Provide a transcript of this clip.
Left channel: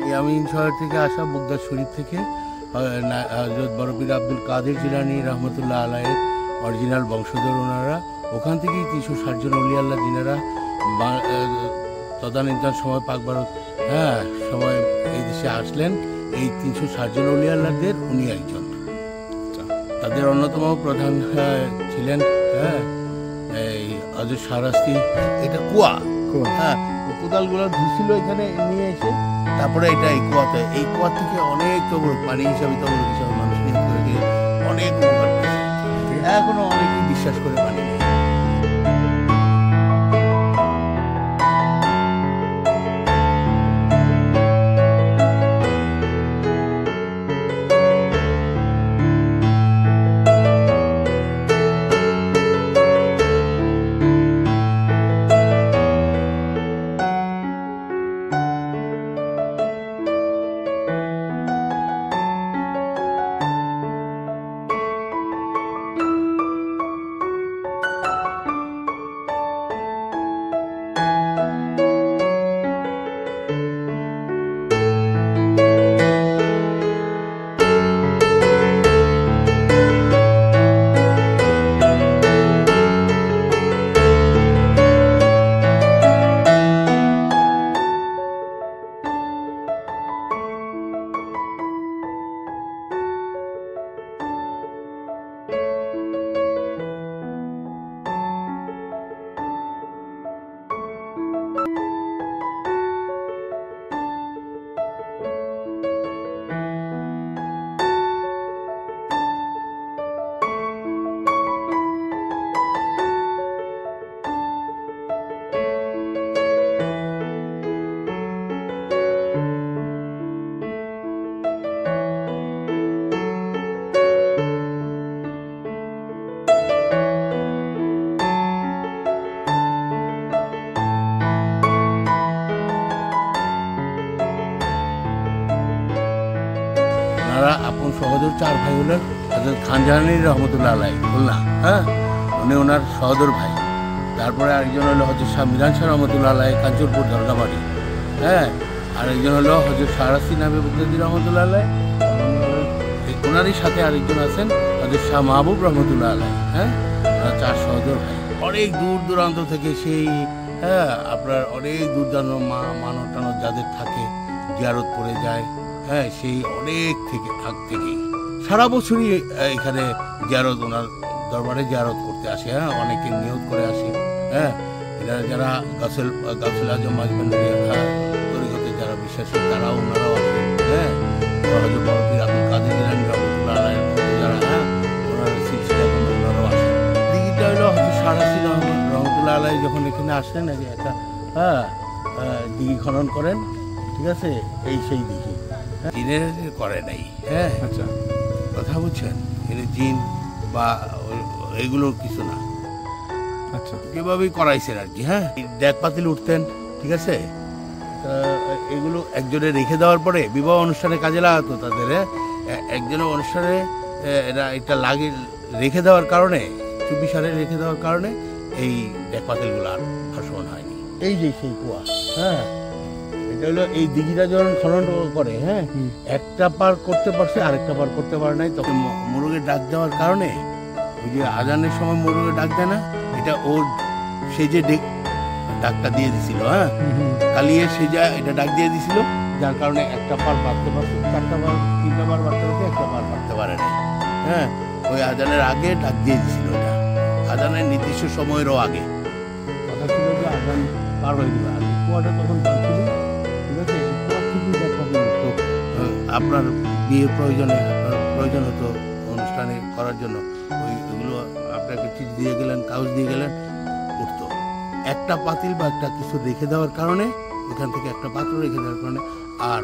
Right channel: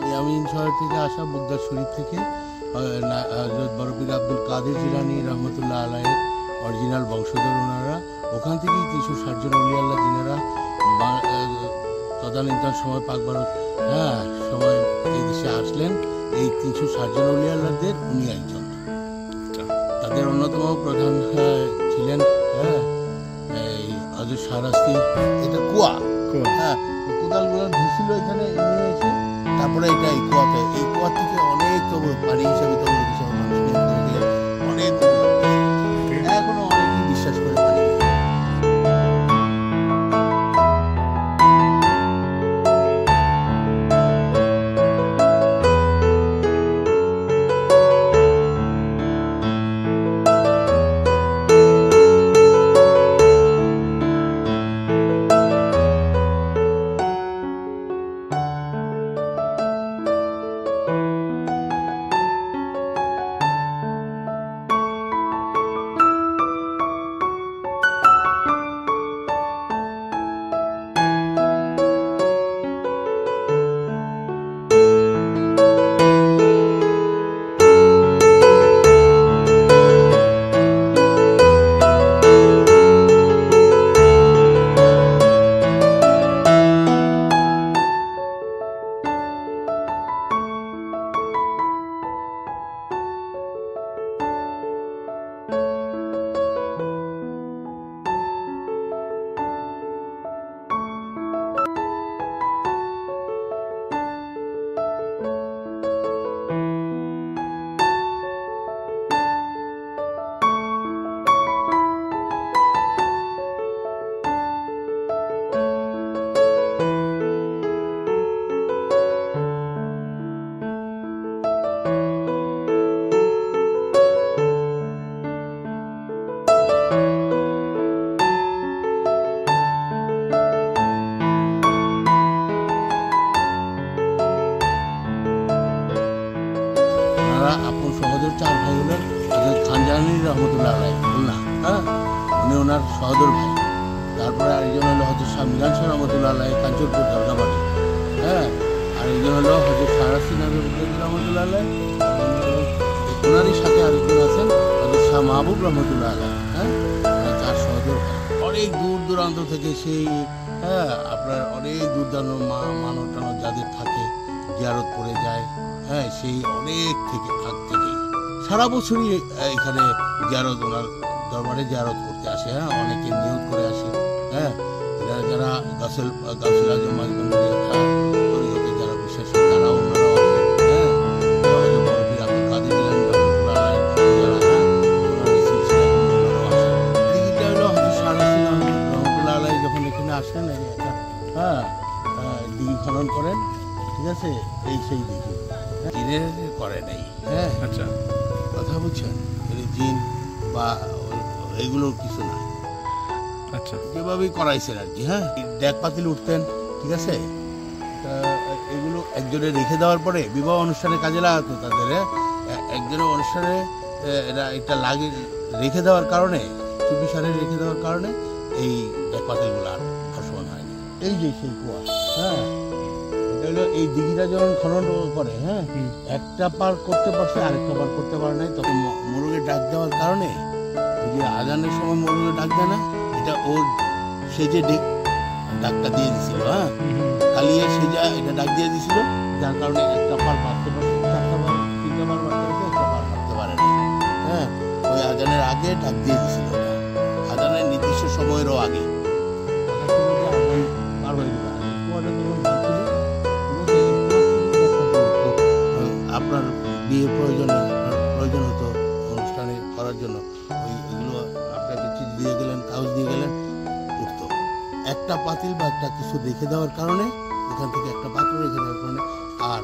ইয়ামিন শহর থেকে আসা বুগদার শরীফ থেকে হযরত বড়পীর আব্দুল কাদের জিলানী রহমতুল্লাহ আলাইহির অরিজিনাল বংশধর ওনারা। ওখান থেকেই 360 জন অলি আল্লাহ যিনারা তদানীন্তন সময় পাক ভারত সময় এই দেশে আসলেন, এই 360 জন অলি আল্লাহদের উনি একজন। তাদের অন্যতম প্রধান ছিলেন এই হযরত শাহরাস্তি। এটা কুয়া, কোদালগুলো ধুছিল এখানে নিয়ে এসে, তারপরে এটা এই কুয়াতে, এই কুয়া থেকে অনেক তবর পানি হিসাবে তবর হিসাবে মানুষ নিয়ে অনেক উপকার পেয়েছে। এখনো অনেকেই বিশ্বাস করে পানি নেই। আপন সহোদর 4 ভাই হলেন হযরত খান জাহানী রহমতুল্লাহ আলাইহি খুলনা, উনি ওনার সহোদর ভাই। তারপরে আরেকজন হলো হযরত শাহ মিরান শাহ রহমতুল্লাহ আলাইহি কাঞ্চনপুর দরগাবাড়ি, আরেকজন হলো হযরত শাহরাস্তি নামে বুদ্দি রহমতুল্লাহ আলাইহি। ওনারই সাথে আরেকজন আছেন হযরত শাহ মাহবুব রহমতুল্লাহ আলাইহি। ওরা 4 সহোদর ভাই। অনেক দূর দূরান্ত থেকে সেই আপনার অনেক দূর দূরান্ত মানব টানব যাদের থাকে জিয়ারত করে যায়, সেই অনেক থেকে আগ থেকেই সারা বছরই এখানে জিয়ারত, ওনার দরবারে জিয়ারত করতে আসে। অনেকে নিয়ত করে আসে। এরা যারা গাউসুল আজম মাঝবান্ডারি তরিকতে যারা বিশ্বাসী তারাও ওনারাও আসেন। হযরত বড়পীর আব্দুল কাদের জিলানী রহমতুল্লাহ আলাইহির যারা ওনারা সিলসিলা ওনারাও আসেন। দিঘিটা হলো হযরত শাহরাস্তি রহমতুল্লাহ আলাইহি যখন এখানে আসলেন একটা দিঘি খনন করেন, ঠিক আছে, এই সেই দিঘি জিনের করে নাই। আচ্ছা, কথা বুঝছেন, জিন বা এগুলোর কিছু না। আচ্ছা, যেভাবেই করাইছেন আর কি। ডেক পাতিল উঠতেন, ঠিক আছে, এগুলো একজনে রেখে দেওয়ার পরে বিবাহ অনুষ্ঠানে কাজে লাগাতো তাদের। একজনের অনুষ্ঠানে এরা এটা রেখে দেওয়ার কারণে, চুপি সারে রেখে দেওয়ার কারণে এই ডেক পাতিলগুলো আর ভাসমান হয়নি। এই যে সেই কুয়া, এটা হলো এই দিঘিটা যখন খনন করে, একটা পার করতে পারছে, আরেকটা পার করতে পারে নাই। তখন মোরগে ডাক দেওয়ার কারণে, ওই যে আজানের সময় মোরগে ডাক দেয় না, এটা ওর সেজে ডাকটা দিয়ে দিছিল। কালিয়ে সেজা এটা ডাক দিয়ে দিছিল, যার কারণে একটা পার বাঁধতে পারছে, 4টা বার 3টা বার বাঁধতে পারছে, একটা পার বাঁধতে পারে নাই। ওই আজানের আগে ডাক দিয়ে দিছিল, এটা আজানের নির্দিষ্ট সময়েরও আগে। কথা ছিল যে আজান পার হয়ে যাবে, আর কুয়াটা তখন বাঁধছিল, ঠিক আছে। এই কুয়ার থেকেই দেখা তো আপনার বিয়ের প্রয়োজনে, আপনার প্রয়োজন হতো অনুষ্ঠানে করার জন্য, ওইগুলো আপনাকে চিঠি দিয়ে গেলেন, কাগজ দিয়ে গেলেন, উঠতো। একটা পাতিল বা একটা কিছু রেখে দেওয়ার কারণে, ওখান থেকে একটা পাত্র রেখে দেওয়ার কারণে আর